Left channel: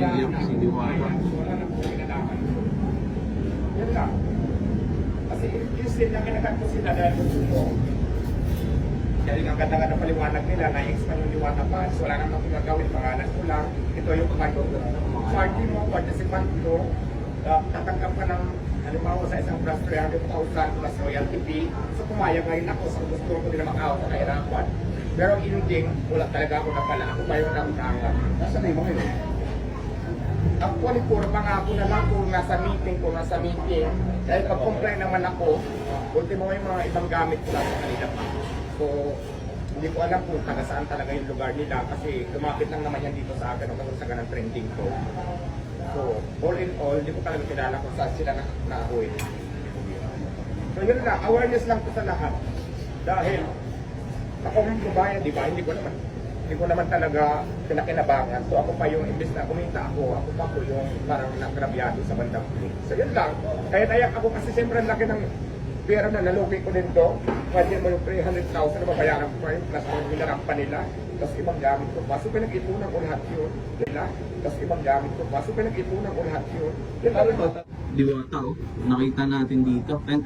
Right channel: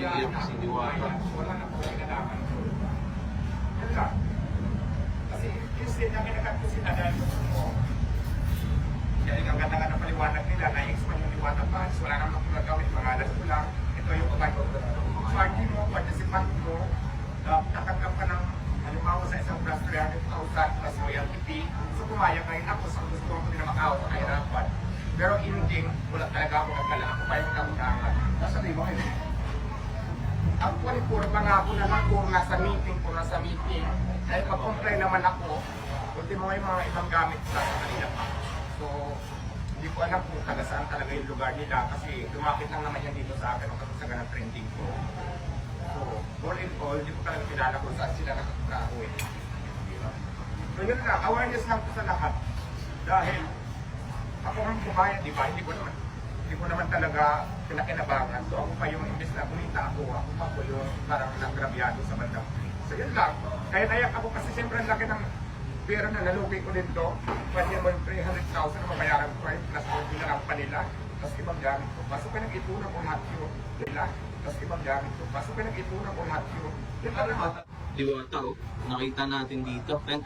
pamilya ko si Diwata. Wala na po kinalaman. Yun lang. Kasi instead na kinakat ko sila dahil gusto ko. Dahil ang ganda ng paliwanag nila, na-expand yung Diwata Funds, wala naman akong nagawin, pangalan ko lang. Ito yung fund ko. Party mo, participant ko, tatanggap ka ng halimbawa sa isang plus 300,000 plus royalty fee. So pumayag ngayon ako sa gusto ko nila makaawa sa kahirapan. Pero ending, wala talaga ako napala. Pumayag na utangan. Nasaan na yung mga yun? Actually, puro pangako na lang kung nasa meeting. Dahil pag-comply naman ako, ultimo yung mga ibang gamit ko lang sa kanila pa. So, hindi ko alam kung taga saan talaga yung lugar nila kasi lumapit lang naman yan dito sa akin nung kasagsagan ng trending ko. So, all in all, hindi ko talaga kilala kung saan sila na-uwi. So, yun lang. Awareness lang po sa lahat. Dahil, ako ang kubayan, di ba? Hindi ko naman talaga pinakinabangan. So, ako pa yung, imbes na kumita ako pa po yung parang nagrabyado sa bandang huli. So, yun lang. Kaya nayak ako kasi siyempre ang laki ng pera na nalugi ko din to. Pwede mo yung 300,000 na mabayaran ko pa yung plus yung hinarampa nila. Tapos ibang gamit ko pa. So, pinag-ipunan ko lahat yun. Tapos ibang gamit ko pa. So, pinag-ipunan ko lahat yun. Yun lang. Diwata, oh. Nakita natin dito. Ayun,